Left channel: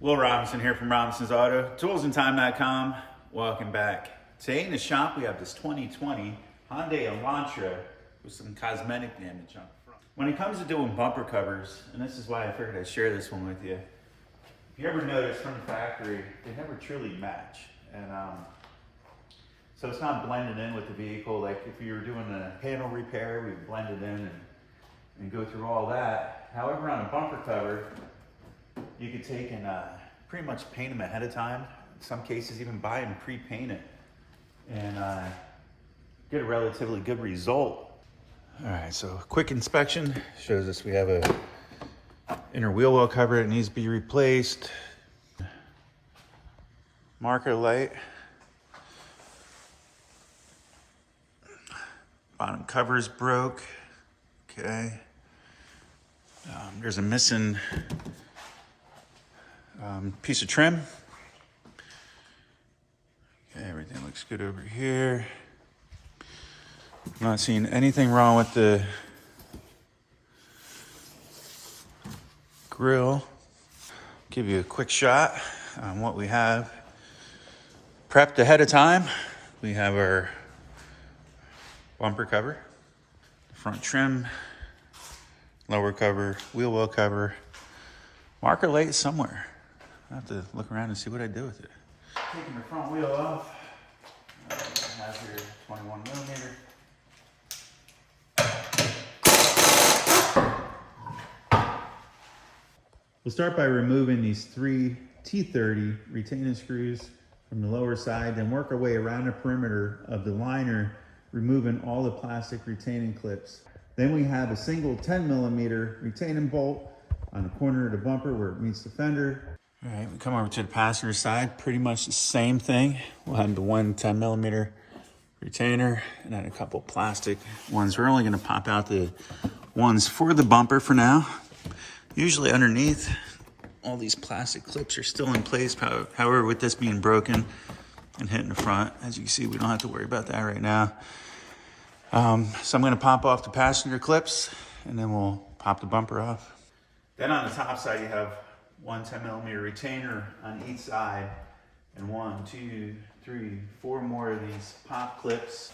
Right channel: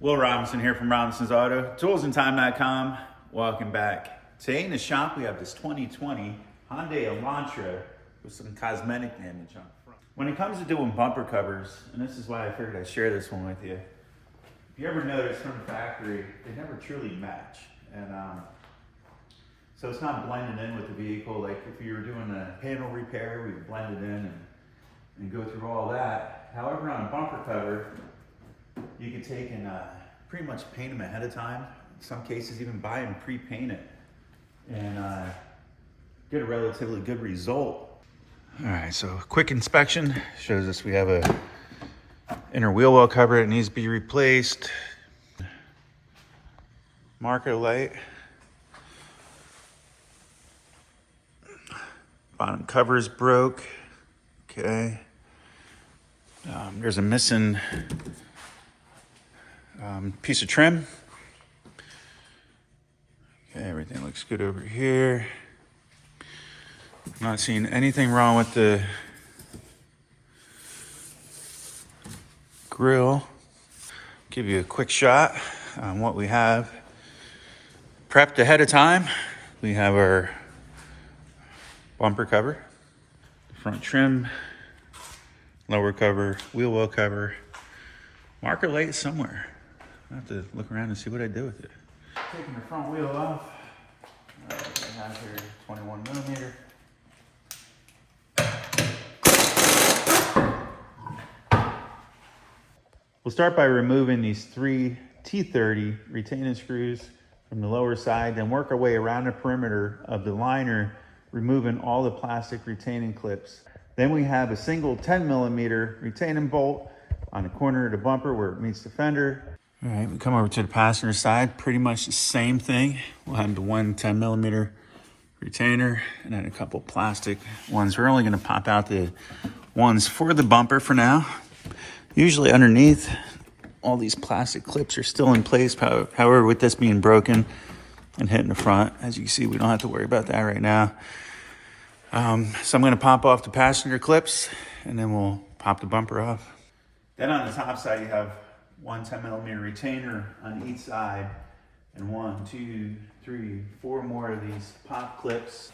Will Robinson here from Robinson's Auto, toolsandtime.com. Welcome back. Today in the shop we have this 2020 Hyundai Elantra with some cosmetic damage on the front. When it comes to doing bumper covers, and this is why I figured I'd share this one with you, if you ever notice from the factory, they never truly match. And so it's not blended in with the vehicle. Like if you were doing a panel repair, we would blend it in and go through all that. However, on a bumper cover, you could take and pretty much paint them ahead of time. In some cases, even buy them pre-painted and get a relatively good result. All right, so quick inspection shows us we have a inner wheel well cover that needs to be replaced. Marker light. Bottom cover is broke. Okay. There's a missing piece of trim. Okay, everything looks good over here. I'm not seeing anything wrong with the grill. Give you a quick shot on what we have prepped ahead of time. We have our bumper cover, the front trim, lower cover, wheel well cover, marker light somewhere. I have to look around and see what I do with it. Taking the front wheel off. We have here 21 millimeter. We'll start by removing these 3 T30 retaining screws from the lower side, then work our way around the perimeter of the liner, removing all the plastic retaining clips. Then we have a single 10 millimeter retaining bolt on the corner of the bumper where it meets the fender. All right, we come over to the passenger side, pretty much the same thing. We'll have the one 10 millimeter retainer and then a couple plastic ones. We're only gonna pop out the ones for the bumper for now. Usually underneath, all these plastic clips are still in place. However, with this being broken and hitting the front, as you can see, we don't have to worry about that right now. So I'm gonna pop off the passenger clips and then we'll pop the bumper off. Then on the top side, you have one 10 millimeter retainer on each side and 1, 2, 3, 4 more of these pop clips.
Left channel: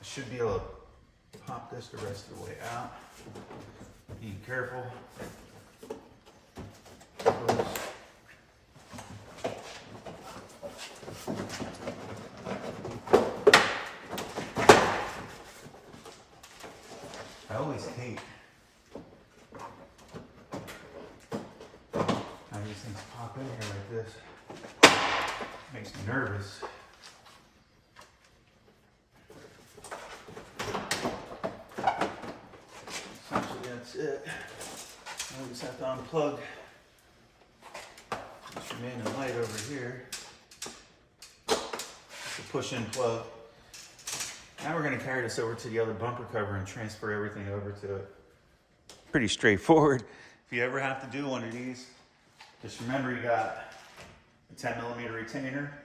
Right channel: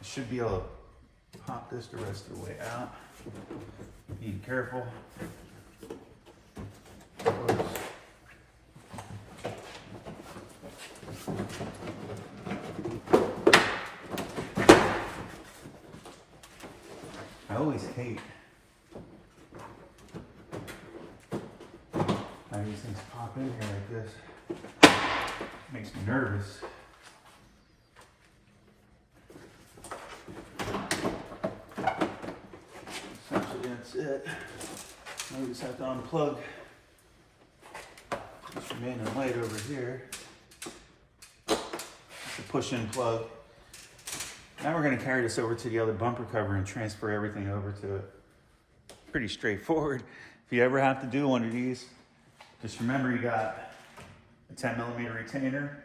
I should be able to pop this the rest of the way out. Being careful. I always hate how these things pop in here like this. Makes me nervous. Essentially, that's it. Now we just have to unplug this remaining light over here. It's a push-in plug. Now we're going to carry this over to the other bumper cover and transfer everything over to it. Pretty straightforward. If you ever have to do one of these, just remember you got a 10 millimeter retainer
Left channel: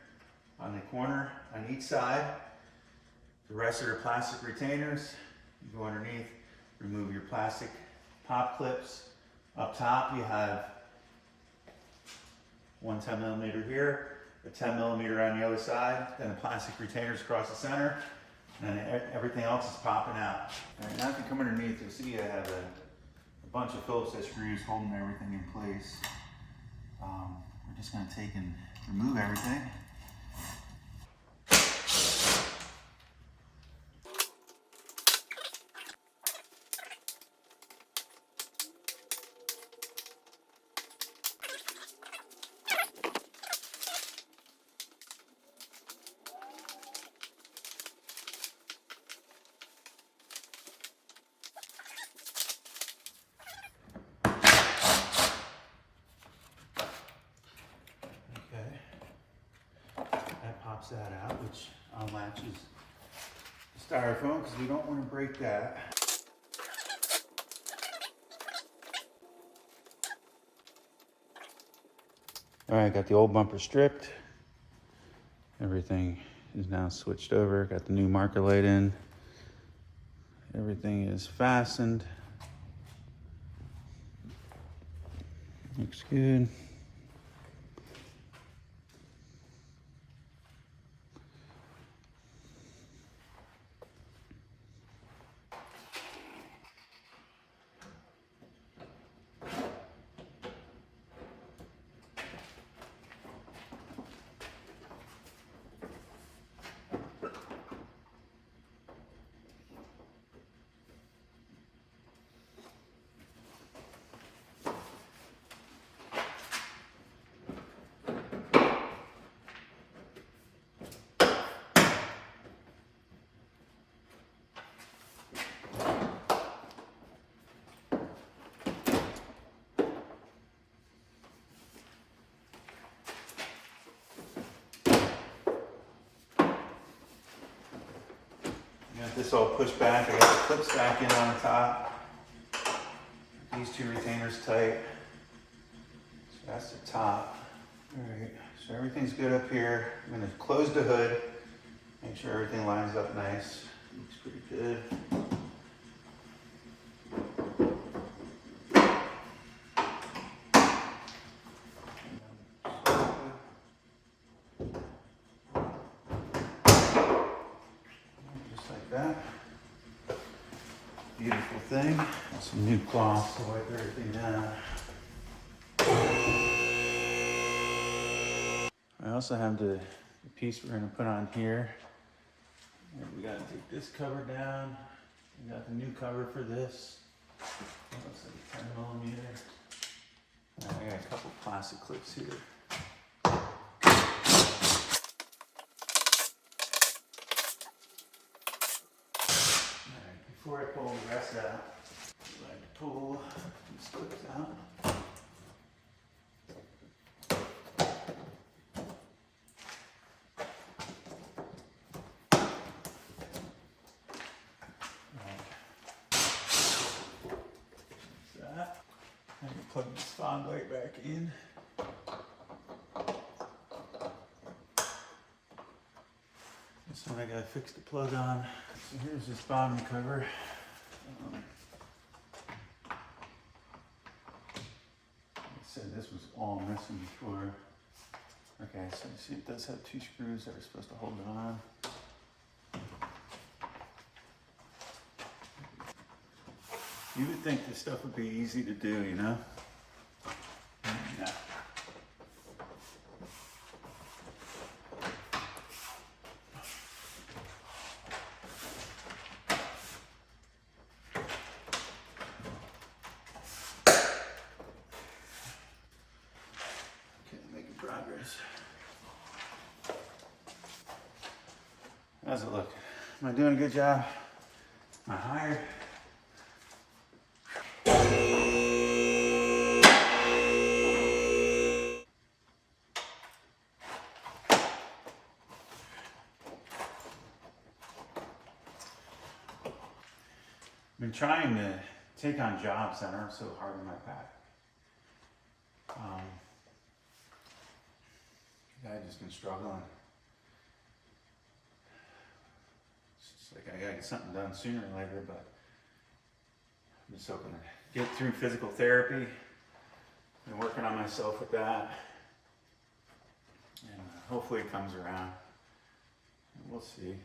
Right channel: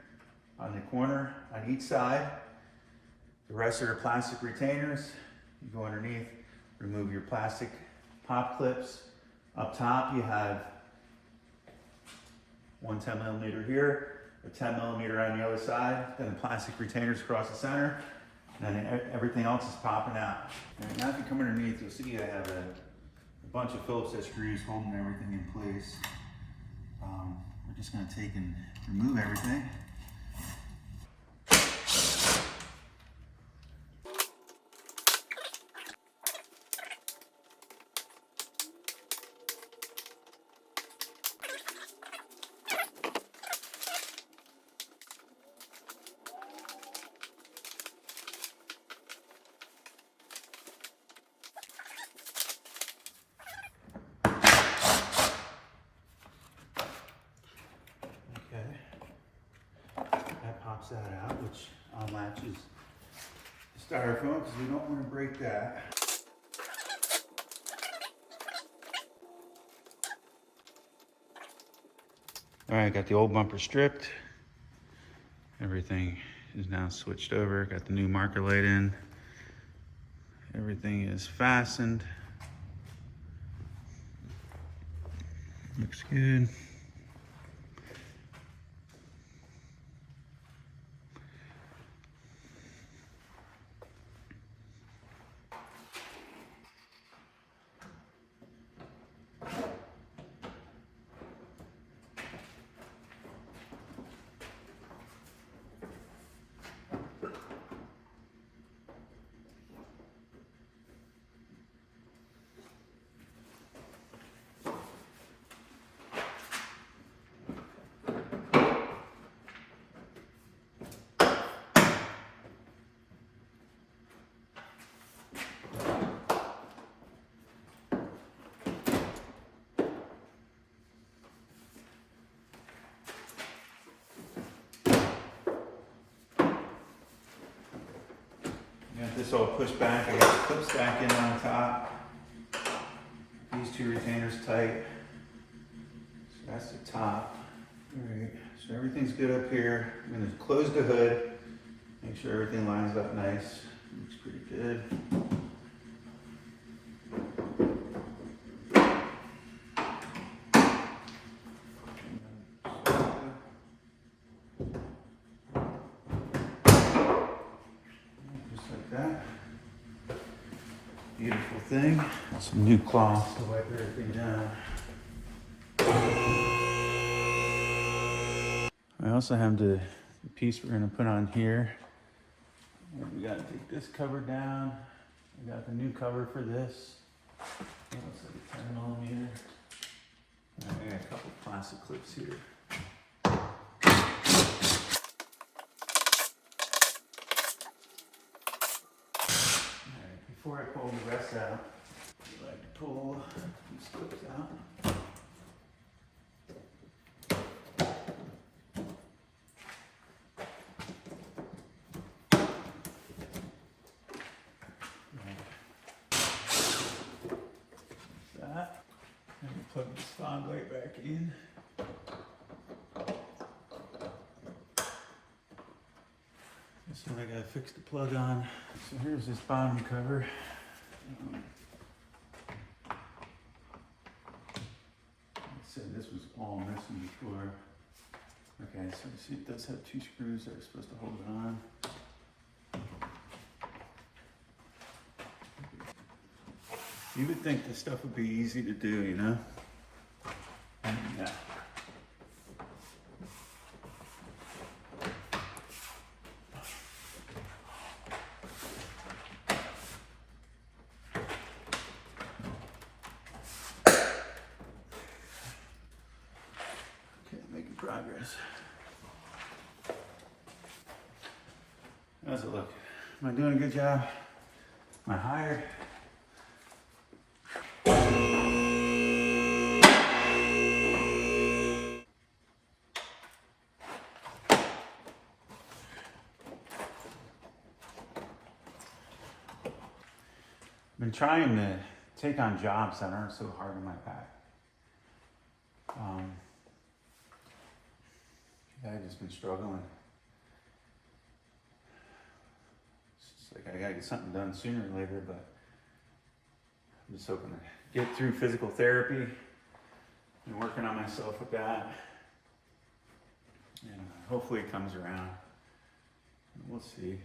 on the corner on each side. The rest of the plastic retainers, you go underneath, remove your plastic pop clips. Up top you have one 10 millimeter here, a 10 millimeter on the other side, then the plastic retainers across the center, and then everything else is popping out. All right, now if you come underneath, you'll see I have a bunch of Phillips head screws holding everything in place. We're just going to take and remove everything. that out, which unlatches the styrofoam because we don't want to break that. All right, got the old bumper stripped. Everything is now switched over. Got the new marker light in. Everything is fastened. Looks good. Got this all pushed back. I got the clips back in on the top. These two retainers tight. So that's the top. All right, so everything's good up here. I'm gonna close the hood, make sure everything lines up nice. Looks pretty good. That beautiful thing. Some new cloth to wipe everything down. I also have the piece we're going to put on here. We got to take this cover down. We got the new cover for this. Looks like a 10mm. I got a couple plastic clips here. Before I pull the rest out, I like to pull these clips out. Like that. I'm going to plug this fog light back in. This one I got to fix the plug on. So here's this bottom cover. I said this was all missing before. Okay, so you see it does have two screws that are supposed to hold it on. You would think this stuff would be easy to do, you know? Yeah. Progress. How's it look? Am I doing a good job? Am I higher? I've been trying to take on jobs that aren't so hard on my back. I've just been struggling. It's just like I gotta get something done sooner or later, but I'm just hoping to get through physical therapy and working on myself with that. And hopefully it comes around. We'll see.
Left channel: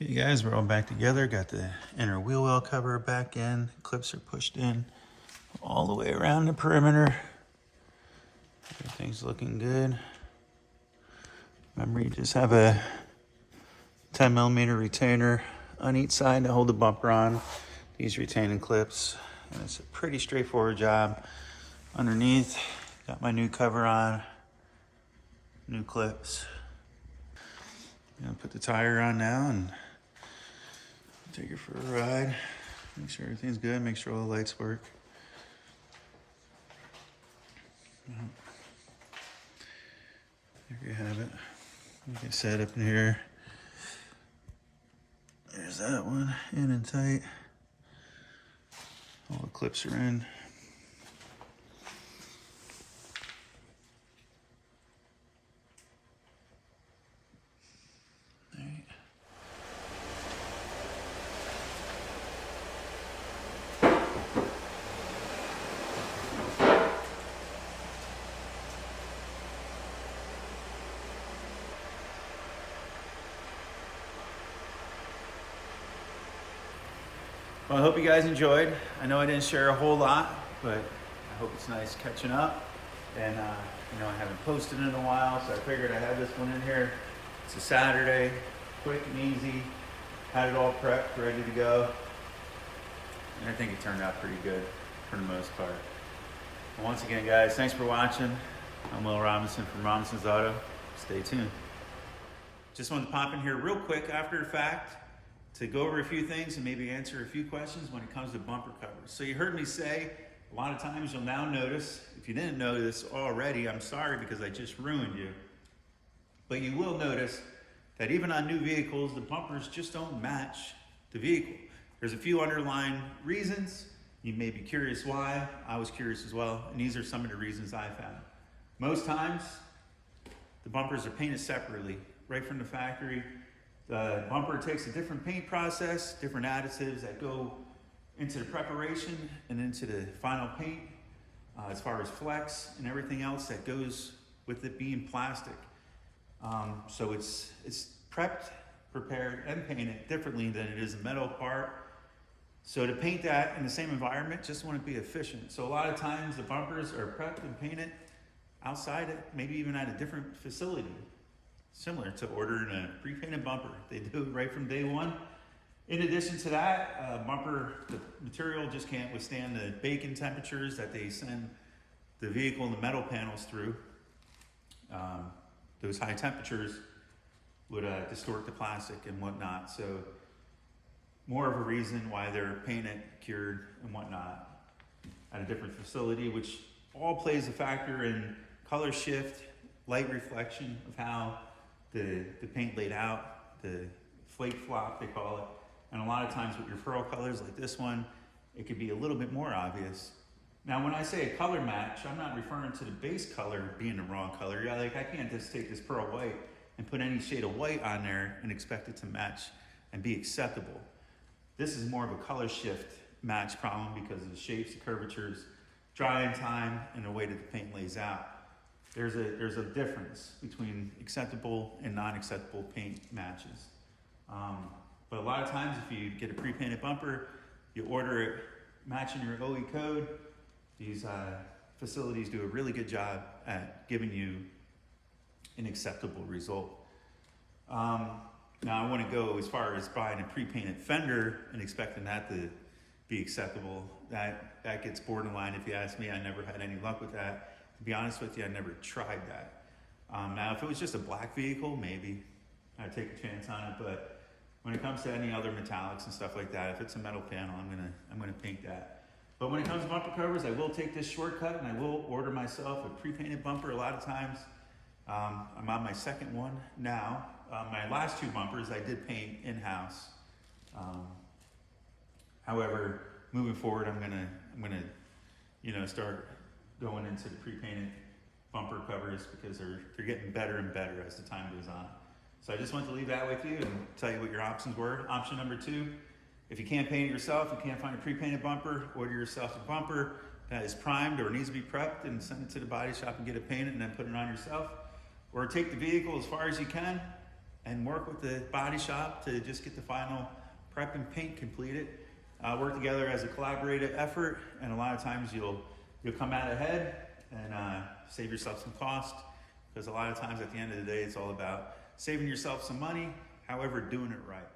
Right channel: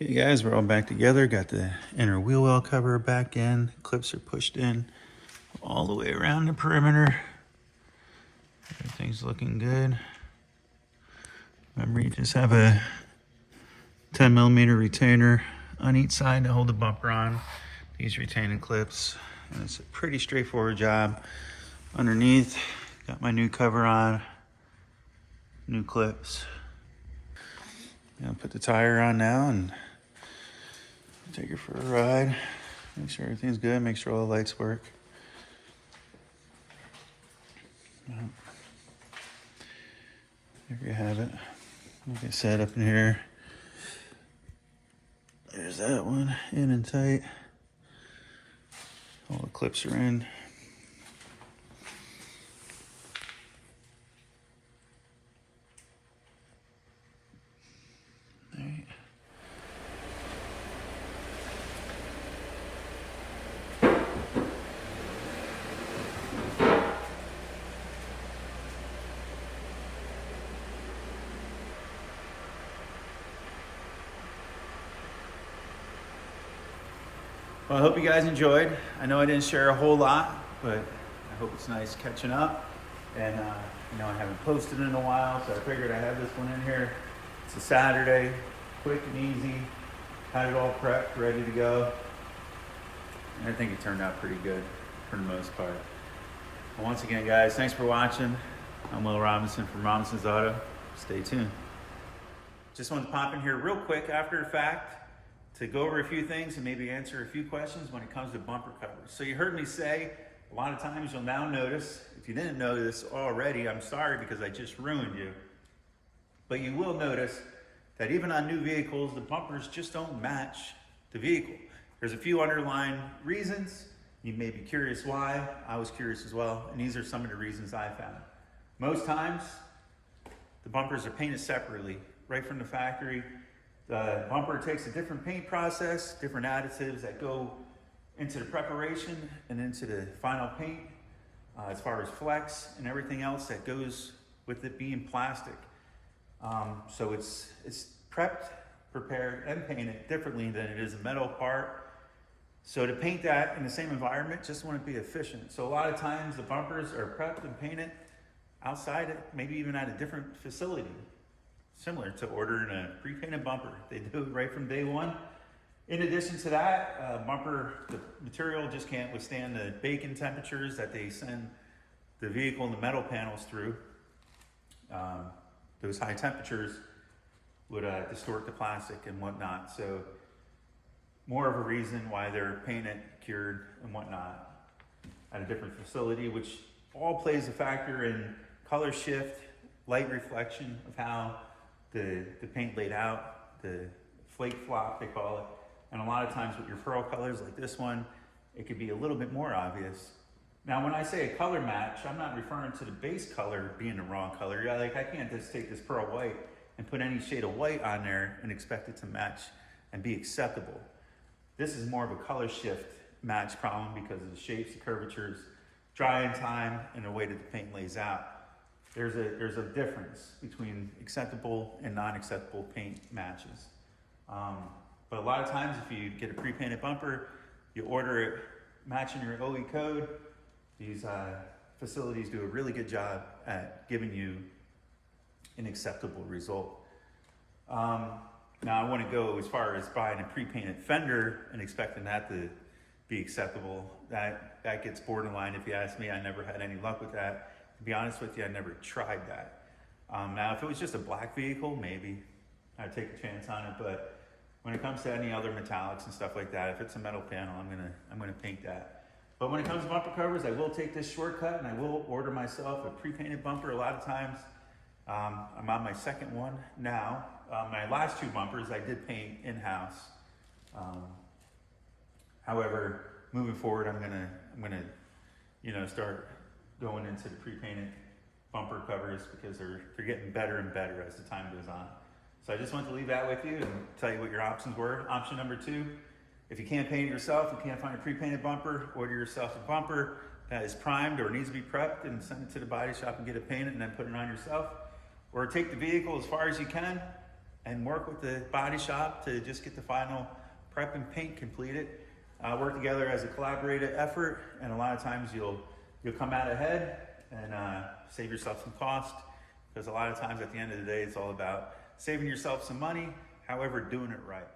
Okay guys, we're all back together. Got the inner wheel well cover back in. Clips are pushed in all the way around the perimeter. Everything's looking good. Remember, you just have a 10mm retainer on each side to hold the bumper on. These retaining clips, and it's a pretty straightforward job. Underneath, got my new cover on, new clips. I'm gonna put the tire on now and take her for a ride. Make sure everything's good, make sure all the lights work. There you have it. Like I said, up in here. There's that one, in and tight. All the clips are in. All right. Well, I hope you guys enjoyed. I know I didn't share a whole lot, but I hope it's nice catching up. And you know, I haven't posted in a while, so I figured I have this one in here. It's a Saturday, quick and easy. Had it all prepped, ready to go. And I think it turned out pretty good for the most part. Well, once again, guys, thanks for watching. I'm Will Robinson from Robinson's Auto. Stay tuned. Just wanted to pop in here real quick after the fact to go over a few things and maybe answer a few questions when it comes to bumper covers. So you heard me say, a lot of times you'll now notice, if you didn't know this already, I'm sorry because I just ruined you, but you will notice that even on new vehicles, the bumpers just don't match the vehicle. There's a few underlying reasons. You may be curious why. I was curious as well, and these are some of the reasons I found. Most times, the bumpers are painted separately, right from the factory. The bumper takes a different paint process, different additives that go into the preparation and into the final paint, as far as flex and everything else that goes with it being plastic. So it's prepped, prepared, and painted differently than it is a metal part. So to paint that in the same environment, just want to be efficient. So a lot of times the bumpers are prepped and painted outside, maybe even at a different facility. Similar to ordering a pre-painted bumper. They do it right from day one. In addition to that, the material just can't withstand the baking temperatures that they send the vehicle and the metal panels through. Those high temperatures would distort the plastic and whatnot. So more of a reason why they're painted, cured, and whatnot at a different facility, which all plays a factor in color shift, light reflection of how the paint laid out, the flake flop, they call it. And a lot of times with your pearl colors like this one, it could be a little bit more obvious. Now, when I say a color match, I'm not referring to the base color being the wrong color. Yeah, like I can't just take this pearl white and put any shade of white on there and expect it to match and be acceptable. This is more of a color shift match problem because of the shapes, the curvatures, drying time, and the way that the paint lays out. There's a difference between acceptable and non-acceptable paint matches. But a lot of times if you get a pre-painted bumper, you order it matching your OE code, these facilities do a really good job at giving you an acceptable result. Now I want to go as far as buying a pre-painted fender and expecting that to be acceptable. That gets borderline if you ask me. I never had any luck with that. To be honest with you, I never tried that. Now, if it was just a black vehicle, maybe I'd take a chance on it. But when it comes to any other metallics and stuff like that, if it's a metal panel, I'm gonna paint that. But when it comes to bumper covers, I will take this shortcut and I will order myself a pre-painted bumper. A lot of times, I'm on my second one now. My last two bumpers I did paint in-house. However, moving forward, I'm gonna start going into the pre-painted bumper covers because they're getting better and better as the time goes on. So I just wanted to leave that with you and tell you what your options were. Option number 2, if you can't paint it yourself, you can't find a pre-painted bumper, order yourself a bumper that is primed or needs to be prepped and send it to the body shop and get it painted and then put it on yourself. Or take the vehicle as far as you can and work with the body shop to just get the final prep and paint completed. Work together as a collaborative effort, and a lot of times you'll come out ahead and save yourself some cost, because a lot of times at the end of the day, it's all about saving yourself some money, however, doing it right.